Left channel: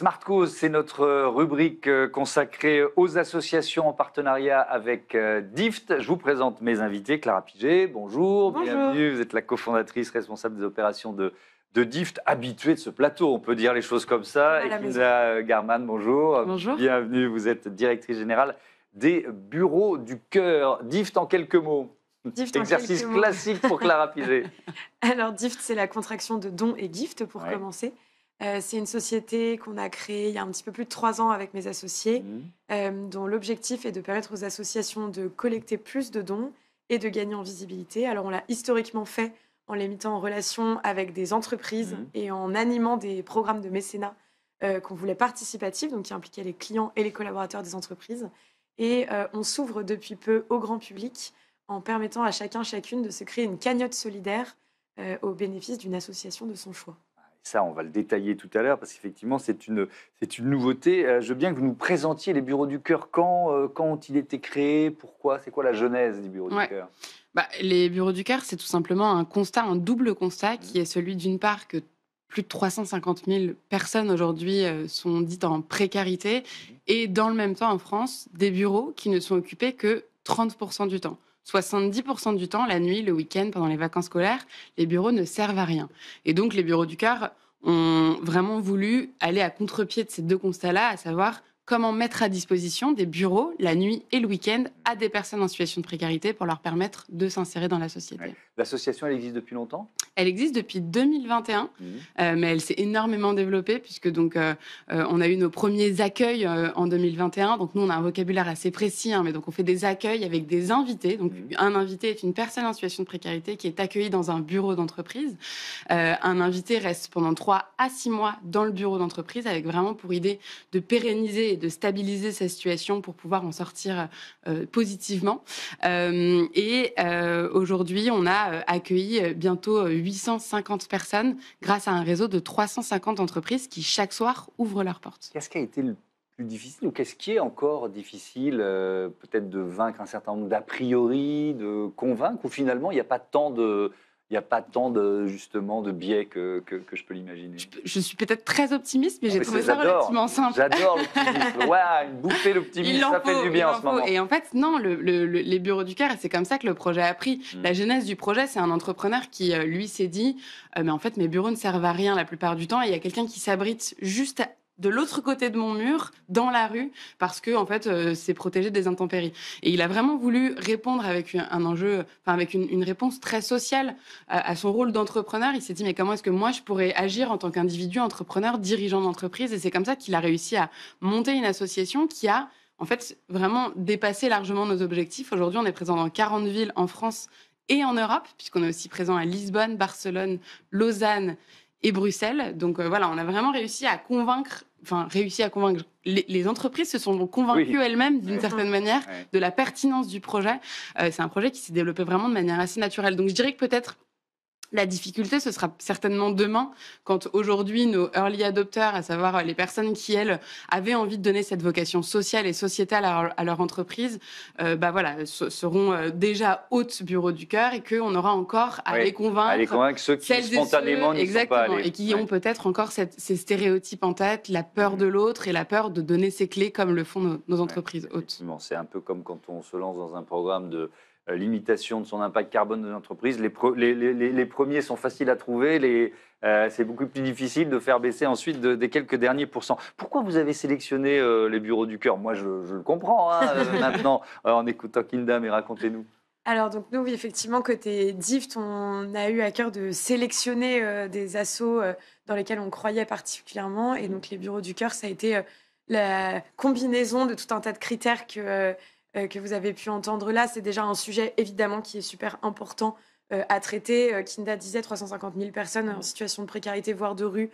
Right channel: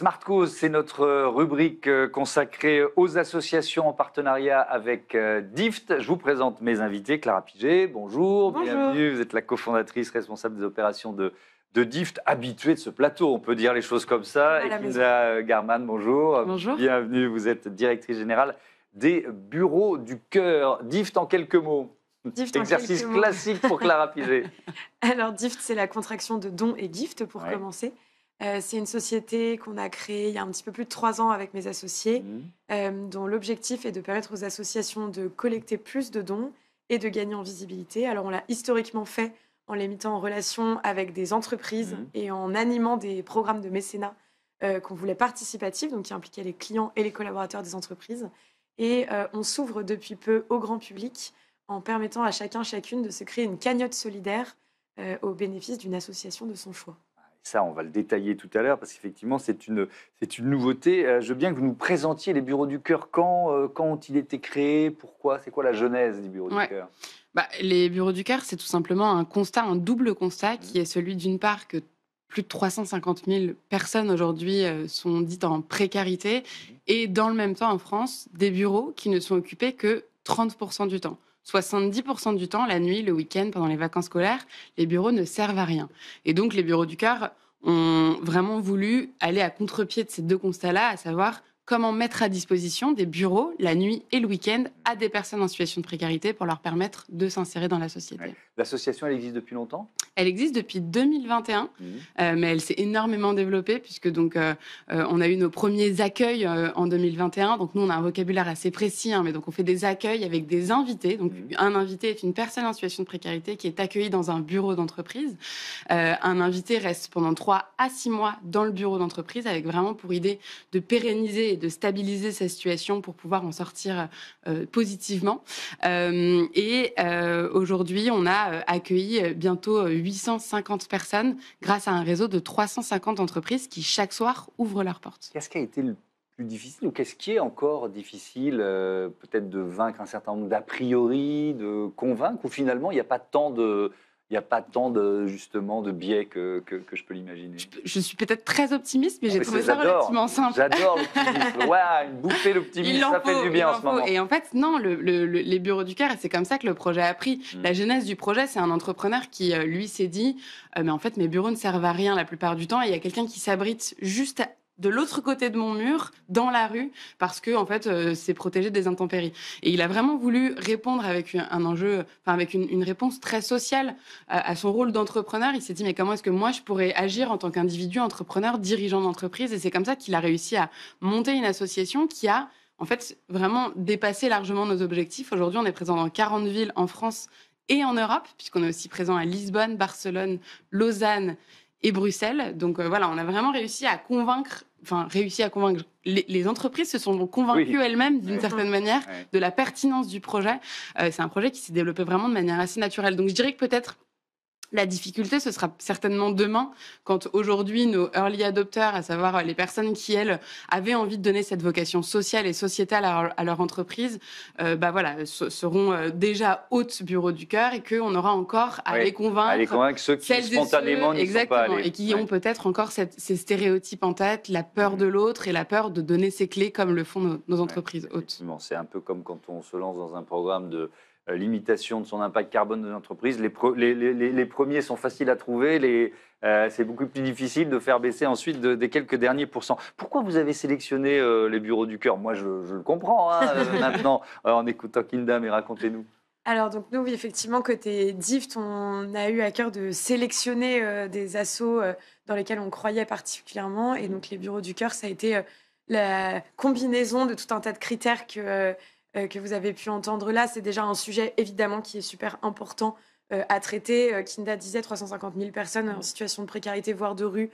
Smart Cause, c'est notre rubrique consacrée aux associations en partenariat avec DIFT. Je vous présente mes invités. Clara Piget, bonjour. Bonjour. Bienvenue. Vous êtes la cofondatrice responsable des opérations de DIFT, habituée de ce plateau, on peut dire les choses comme ça. Et Kinda Garman, bonjour. Bonjour. Bienvenue, vous êtes directrice générale des bureaux du cœur. DIFT en quelques mots. Exercice classique pour Clara Piget. Alors DIFT, c'est la contraction de don et gift pour commencer. C'est une société qu'on a créée il y a un petit peu plus de 3 ans avec mes associés, dont l'objectif est de permettre aux associations de collecter plus de dons et de gagner en visibilité. Alors on l'a historiquement fait en les mettant en relation avec des entreprises et en animant des programmes de mécénat qu'on voulait participatifs, donc qui impliquaient les clients et les collaborateurs des entreprises. Et on s'ouvre depuis peu au grand public en permettant à chacune de se créer une cagnotte solidaire au bénéfice d'une association de son choix. Ça, on va le détailler tout à l'heure parce qu'effectivement, c'est une nouveauté. Je veux bien que vous nous présentiez les bureaux du cœur. Quand ont-ils été créés? Pourquoi? C'est quoi la genèse des bureaux du cœur? Les bureaux du cœur, c'est tout simplement un double constat qui est celui d'une part que plus de 350 000 personnes aujourd'hui sont dites en précarité et dans le même temps en France, des bureaux qui ne sont occupés que 30% du temps. 70% du temps, la nuit, le week-end, pendant les vacances scolaires, les bureaux ne servent à rien. Et donc, les bureaux du cœur ont vraiment voulu aller à contre-pied de ces deux constats-là, à savoir comment mettre à disposition des bureaux la nuit et le week-end à des personnes en situation de précarité pour leur permettre de s'insérer dans la société. Ouais. L'association, elle existe depuis longtemps? Elle existe depuis 2021, mais elle s'est énormément développée puisque donc on a eu nos premiers accueils en 2021. Donc nous, on a un vocabulaire assez précis, mais donc on fait des accueils avec des invités. Donc un invité est une personne en situation de précarité qui est accueillie dans un bureau d'entreprise. Un invité reste pendant 3 à 6 mois dans le bureau d'entreprise avec vraiment pour idée de pérenniser et de stabiliser sa situation pour pouvoir en sortir positivement. Aujourd'hui, on a accueilli bientôt 850 personnes grâce à un réseau de 350 entreprises qui chaque soir ouvrent leurs portes. Qu'est-ce qui a été le plus difficile ou qu'est-ce qui est encore difficile peut-être de vaincre un certain nombre d'a priori, de convaincre ou finalement il n'y a pas tant de... Il n'y a pas tant justement de biais que je peux l'imaginer. Je suis peut-être très optimiste, mais j'ai trouvé ça relativement simple. J'adore l'optimisme. Une bouffée d'optimisme, ça fait du bien en ce moment. Et en fait, non, les bureaux du cœur, et c'est comme ça que le projet a pris. La genèse du projet, c'est un entrepreneur qui, lui, s'est dit mais en fait, mes bureaux ne servent à rien la plupart du temps. Et il y a quelqu'un qui s'abrite juste de l'autre côté de mon mur, dans la rue, parce que en fait, c'est protégé des intempéries. Et il a vraiment voulu répondre avec un enjeu, avec une réponse très sociale à son rôle d'entrepreneur. Il s'est dit mais comment est-ce que moi je pourrais agir en tant qu'individu entrepreneur, dirigeant d'entreprise? Et c'est comme ça qu'il a réussi à monter une association qui a en fait vraiment dépassé largement nos objectifs. Aujourd'hui, on est présent dans 40 villes en France et en Europe, puisqu'on est aussi présent à Lisbonne, Barcelone, Lausanne et Bruxelles. Donc voilà, on a vraiment réussi à convaincre. Les entreprises se sont convaincues elles-mêmes d'une certaine manière de la pertinence du projet. C'est un projet qui s'est développé vraiment de manière assez naturelle. Donc je dirais que peut-être la difficulté, ce sera certainement demain, quand aujourd'hui nos early adopters, à savoir les personnes qui, elles, avaient envie de donner cette vocation sociale et sociétale à leur entreprise, seront déjà hôtes bureaux du cœur et qu'on aura encore à les convaincre. À les convaincre ceux qui spontanément n'y sont pas allés. Et qui ont peut-être encore ces stéréotypes en tête, la peur de l'autre et la peur de donner ses clés comme le font nos entreprises hôtes. C'est un peu comme quand on se lance dans un programme de limitation de son impact carbone de l'entreprise. Les premiers sont faciles à trouver, c'est beaucoup plus difficile de faire baisser ensuite des quelques derniers pourcents. Pourquoi vous avez sélectionné les bureaux du cœur? Moi, je le comprends maintenant en écoutant Kinda, mais racontez-nous. Alors, donc nous, oui, effectivement, côté DIFT, on a eu à cœur de sélectionner des assos dans lesquels on croyait particulièrement. Et donc, les bureaux du cœur, ça a été la combinaison de tout un tas de critères que vous avez pu entendre là. C'est déjà un sujet, évidemment, qui est super important à traiter. Kinda disait 350 000 personnes en situation de précarité, voire de rue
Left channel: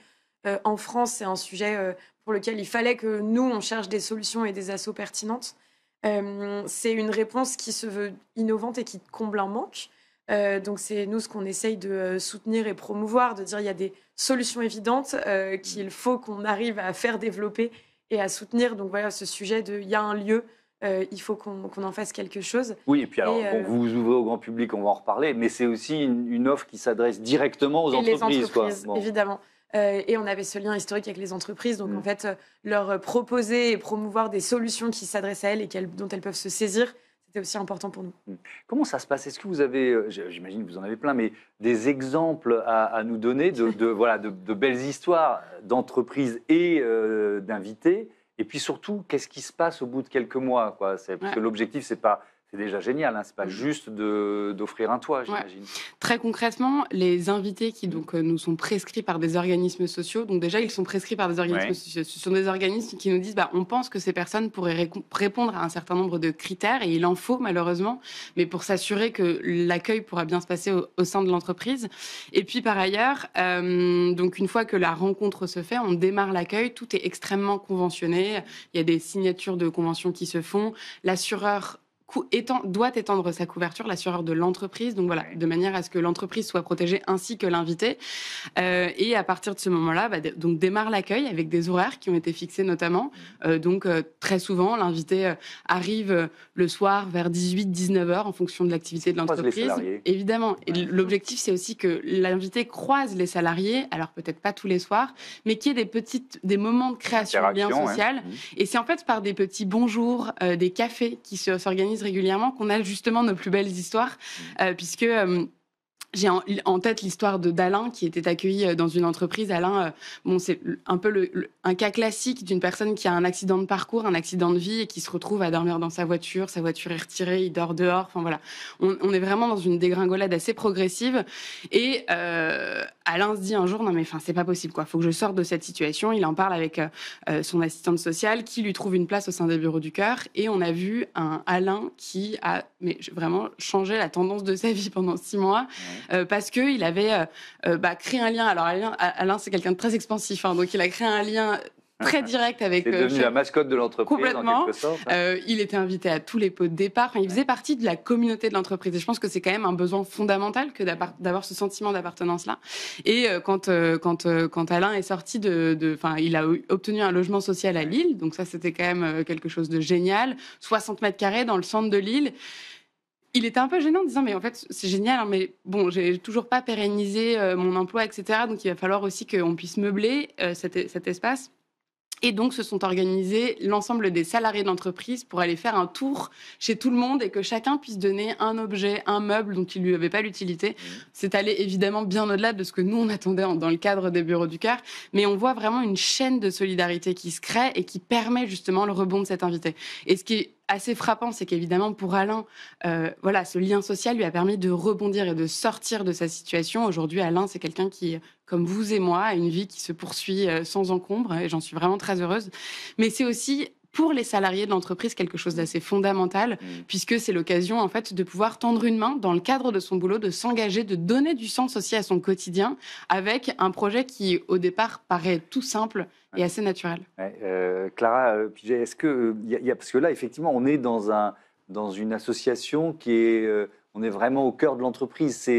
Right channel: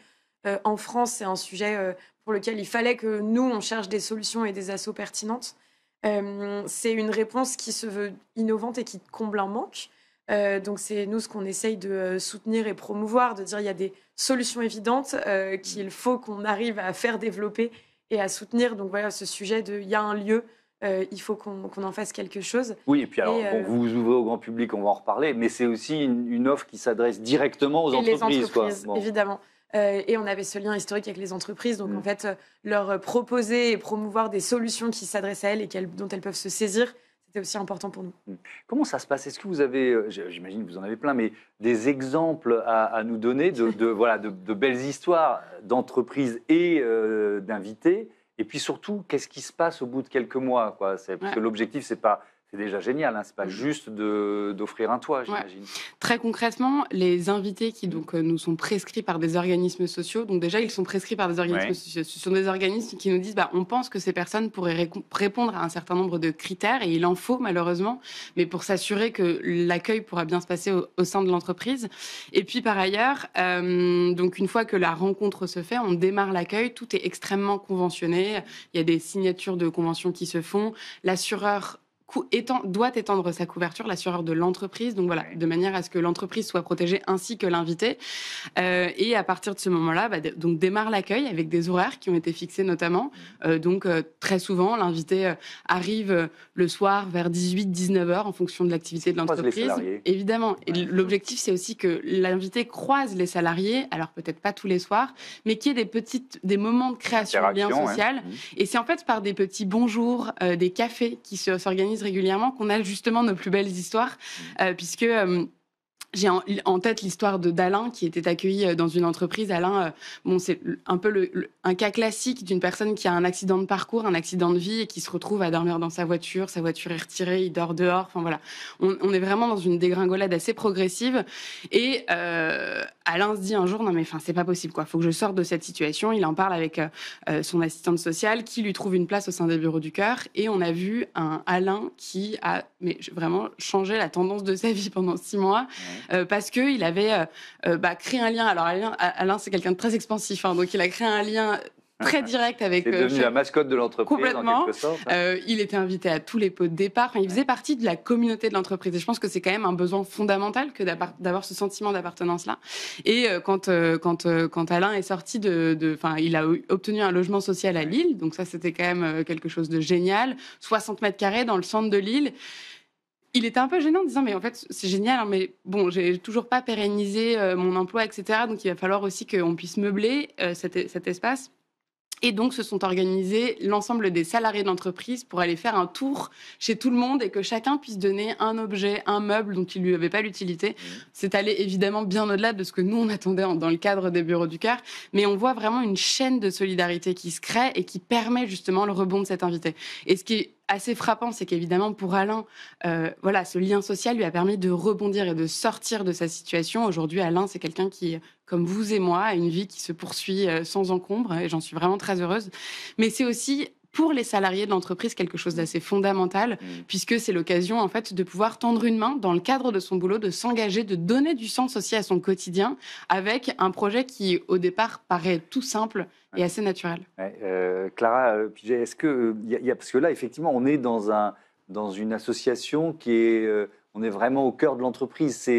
en France. C'est un sujet pour lequel il fallait que nous, on cherche des solutions et des assos pertinentes. C'est une réponse qui se veut innovante et qui comble un manque. Donc c'est nous ce qu'on essaye de soutenir et promouvoir, de dire il y a des solutions évidentes qu'il faut qu'on arrive à faire développer et à soutenir. Donc voilà, ce sujet de il y a un lieu, il faut qu'on en fasse quelque chose. Oui, et puis alors, vous vous ouvrez au grand public, on va en reparler, mais c'est aussi une offre qui s'adresse directement aux entreprises. Évidemment. Et on avait ce lien historique avec les entreprises. Donc, en fait, leur proposer et promouvoir des solutions qui s'adressent à elles et dont elles peuvent se saisir, c'était aussi important pour nous. Comment ça se passe? Est-ce que vous avez, j'imagine que vous en avez plein, mais des exemples à nous donner de belles histoires d'entreprises et d'invités? Et puis surtout, qu'est-ce qui se passe au bout de quelques mois, quoi? Parce que l'objectif, c'est déjà génial, hein, c'est pas juste d'offrir un toit, j'imagine. Très concrètement, les invités qui donc nous sont prescrits par des organismes sociaux, donc déjà ils sont prescrits par des organismes sociaux, ce sont des organismes qui nous disent on pense que ces personnes pourraient répondre à un certain nombre de critères et il en faut malheureusement, mais pour s'assurer que l'accueil pourra bien se passer au sein de l'entreprise. Et puis par ailleurs, donc une fois que la rencontre se fait, on démarre l'accueil, tout est extrêmement conventionné, il y a des signatures de conventions qui se font, l'assureur doit étendre sa couverture, l'assureur de l'entreprise, donc voilà, de manière à ce que l'entreprise soit protégée ainsi que l'invité. Et à partir de ce moment-là, donc démarre l'accueil avec des horaires qui ont été fixés notamment. Donc très souvent, l'invité arrive le soir vers 18-19 heures en fonction de l'activité de l'entreprise. Évidemment. Et l'objectif, c'est aussi que l'invité croise les salariés, alors peut-être pas tous les soirs, mais qu'il y ait des moments de création de lien social. Et c'est en fait par des petits bonjours, des cafés qui s'organisent régulièrement qu'on a justement nos plus belles histoires, puisque j'ai en tête l'histoire d'Alain qui était accueilli dans une entreprise. Alain, c'est un peu un cas classique d'une personne qui a un accident de parcours, un accident de vie et qui se retrouve à dormir dans sa voiture est retirée, il dort dehors. Enfin voilà, on est vraiment dans une dégringolade assez progressive. Et Alain se dit un jour, non mais c'est pas possible quoi, faut que je sorte de cette situation. Il en parle avec son assistante sociale qui lui trouve une place au sein des Bureaux du Cœur. Et on a vu un Alain qui a vraiment changé la tendance de sa vie pendant 6 mois. Parce qu'il avait créé un lien. Alors Alain, c'est quelqu'un de très expansif, donc il a créé un lien très direct avec... C'est devenu la mascotte de l'entreprise, complètement. en quelque sorte. Il était invité à tous les pots de départ. Il faisait partie de la communauté de l'entreprise. Et je pense que c'est quand même un besoin fondamental que d'avoir ce sentiment d'appartenance-là. Et quand Alain est sorti il a obtenu un logement social à Lille. Donc ça, c'était quand même quelque chose de génial. 60 mètres carrés dans le centre de Lille. Il était un peu gênant en disant mais en fait c'est génial mais bon j'ai toujours pas pérennisé mon emploi etc. Donc il va falloir aussi qu'on puisse meubler cet espace. Et donc, se sont organisés l'ensemble des salariés de l'entreprise pour aller faire un tour chez tout le monde et que chacun puisse donner un objet, un meuble dont il lui avait pas l'utilité. C'est allé évidemment bien au-delà de ce que nous, on attendait dans le cadre des Bureaux du Cœur. Mais on voit vraiment une chaîne de solidarité qui se crée et qui permet justement le rebond de cet invité. Et ce qui est assez frappant, c'est qu'évidemment, pour Alain, ce lien social lui a permis de rebondir et de sortir de sa situation. Aujourd'hui, Alain, c'est quelqu'un qui, comme vous et moi, a une vie qui se poursuit sans encombre, et j'en suis vraiment très heureuse. Mais c'est aussi, pour les salariés de l'entreprise, quelque chose d'assez fondamental, puisque c'est l'occasion, en fait, de pouvoir tendre une main dans le cadre de son boulot, de s'engager, de donner du sens aussi à son quotidien, avec un projet qui, au départ, paraît tout simple et assez naturel. Clara, est-ce que parce que là, effectivement, on est dans une association qui est, on est vraiment au cœur de l'entreprise.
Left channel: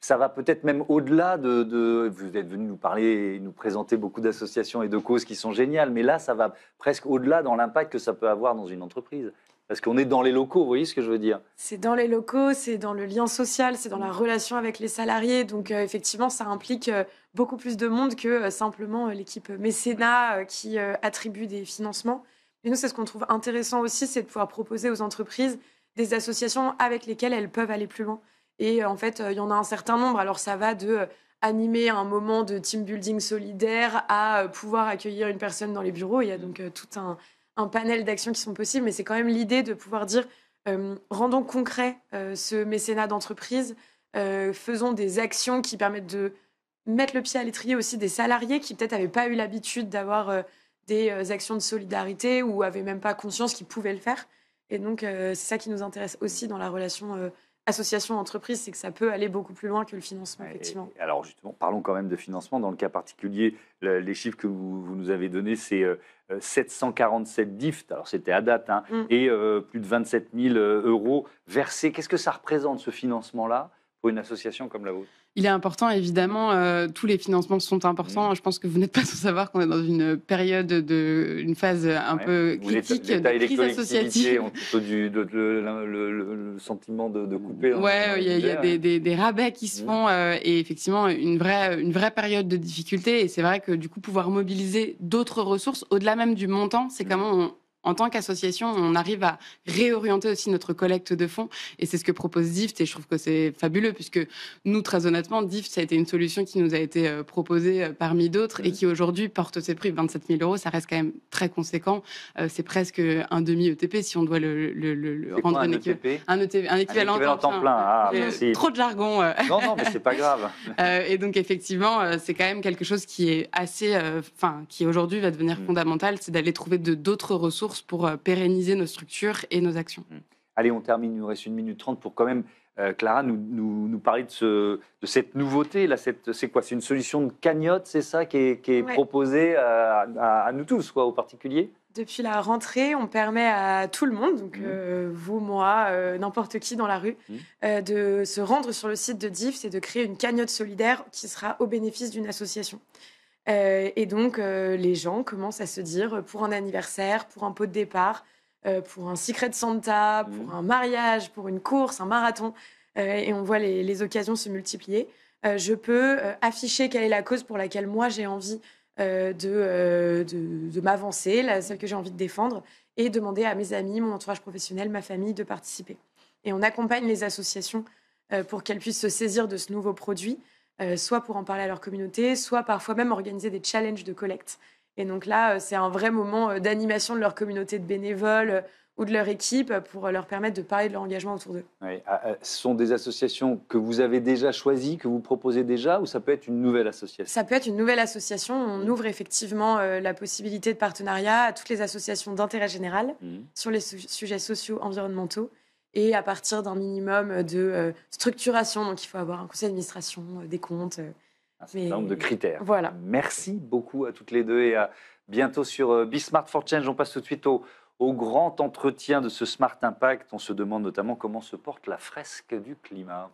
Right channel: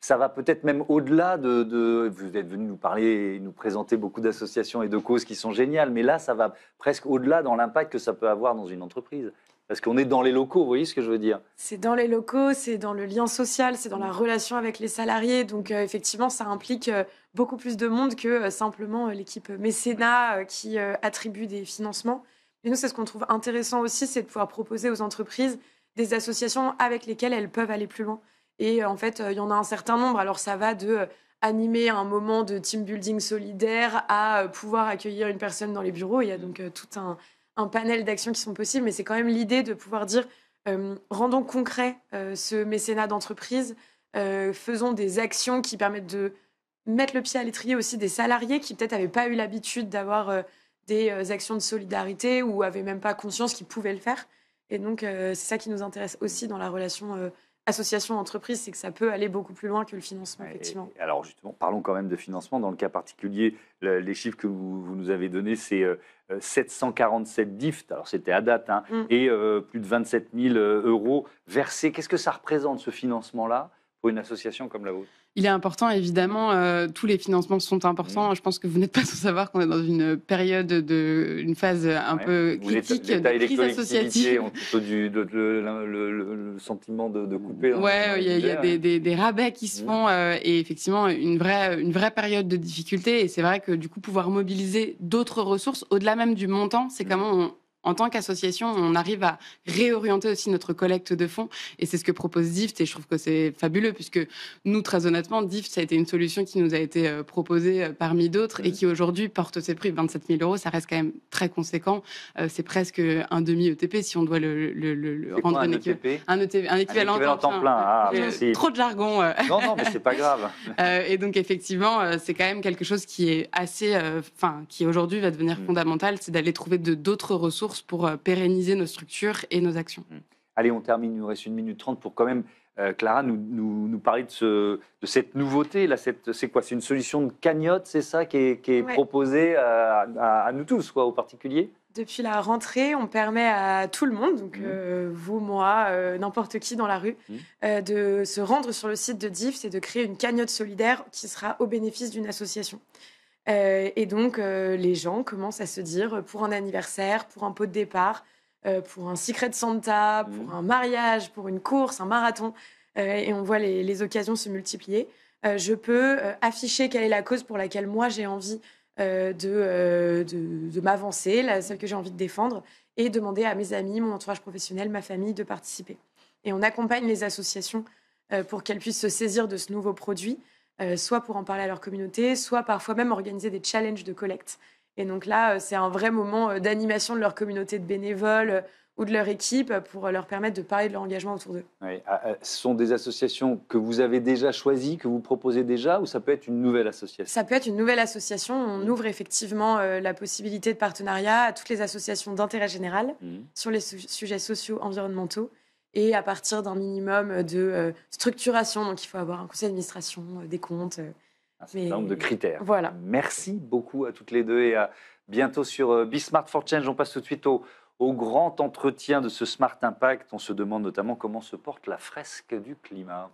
Ça va peut-être même au-delà vous êtes venu nous parler et nous présenter beaucoup d'associations et de causes qui sont géniales, mais là, ça va presque au-delà dans l'impact que ça peut avoir dans une entreprise. Parce qu'on est dans les locaux, vous voyez ce que je veux dire? C'est dans les locaux, c'est dans le lien social, c'est dans la relation avec les salariés. Donc effectivement, ça implique beaucoup plus de monde que simplement l'équipe mécénat qui attribue des financements. Mais nous, c'est ce qu'on trouve intéressant aussi, c'est de pouvoir proposer aux entreprises des associations avec lesquelles elles peuvent aller plus loin. Et en fait, il y en a un certain nombre. Alors ça va de animer un moment de team building solidaire à pouvoir accueillir une personne dans les bureaux. Il y a donc tout un panel d'actions qui sont possibles, mais c'est quand même l'idée de pouvoir dire rendons concret ce mécénat d'entreprise, faisons des actions qui permettent de mettre le pied à l'étrier aussi des salariés qui peut-être n'avaient pas eu l'habitude d'avoir des actions de solidarité ou n'avaient même pas conscience qu'ils pouvaient le faire. Et donc c'est ça qui nous intéresse aussi dans la relation association-entreprise, c'est que ça peut aller beaucoup plus loin que le financement, effectivement. Et alors justement, parlons quand même de financement. Dans le cas particulier, les chiffres que vous nous avez donnés, c'est 747 DIFT, alors c'était à date, et plus de 27 000 euros versés. Qu'est-ce que ça représente, ce financement-là, pour une association comme la vôtre? Il est important, évidemment. Tous les financements sont importants. Je pense que vous n'êtes pas sans savoir qu'on est dans une période une phase un peu critique de crise associative. Ont plutôt le sentiment de couper. Ouais, il y a des rabais qui se font et effectivement une vraie période de difficulté. Et c'est vrai que du coup, pouvoir mobiliser d'autres ressources au-delà même du montant, c'est comment en tant qu'association, on arrive à réorienter aussi notre collecte de fonds. Et c'est ce que propose DIFT. Et je trouve que c'est fabuleux puisque nous, très honnêtement, DIFT, ça a été une solution qui nous a été proposée parmi d'autres et qui aujourd'hui porte ses prix. 27 000 euros, ça reste quand même très conséquent. C'est presque un demi-ETP si on doit le rendre un équivalent temps plein. Ah, trop de jargon. Non, mais c'est pas grave. Et donc, effectivement, c'est quand même quelque chose qui est assez, qui aujourd'hui va devenir fondamental, c'est d'aller trouver d'autres ressources pour pérenniser nos structures et nos actions. Allez, on termine, il nous reste 1 minute 30 pour quand même, Clara, nous parler de cette nouveauté. Là, c'est quoi? C'est une solution de cagnotte, c'est ça, qui est proposée à nous tous, aux particuliers? Depuis la rentrée, on permet à tout le monde, donc vous, moi, n'importe qui dans la rue, de se rendre sur le site de DIFT et de créer une cagnotte solidaire qui sera au bénéfice d'une association. Et donc, les gens commencent à se dire, pour un anniversaire, pour un pot de départ, pour un Secret Santa, pour un mariage, pour une course, un marathon, et on voit les occasions se multiplier, je peux afficher quelle est la cause pour laquelle moi j'ai envie de m'avancer, celle que j'ai envie de défendre, et demander à mes amis, mon entourage professionnel, ma famille de participer. Et on accompagne les associations pour qu'elles puissent se saisir de ce nouveau produit, soit pour en parler à leur communauté, soit parfois même organiser des challenges de collecte. Et donc là, c'est un vrai moment d'animation de leur communauté de bénévoles ou de leur équipe pour leur permettre de parler de leur engagement autour d'eux. Oui. Ce sont des associations que vous avez déjà choisies, que vous proposez déjà, ou ça peut être une nouvelle association? Ça peut être une nouvelle association. On ouvre effectivement la possibilité de partenariat à toutes les associations d'intérêt général sur les sujets sociaux, environnementaux, et à partir d'un minimum de structuration. Donc, il faut avoir un conseil d'administration, des comptes. Un certain nombre de critères. Voilà. Merci beaucoup à toutes les deux et à bientôt sur Be Smart for Change. On passe tout de suite au grand entretien de ce Smart Impact. On se demande notamment comment se porte la fresque du climat.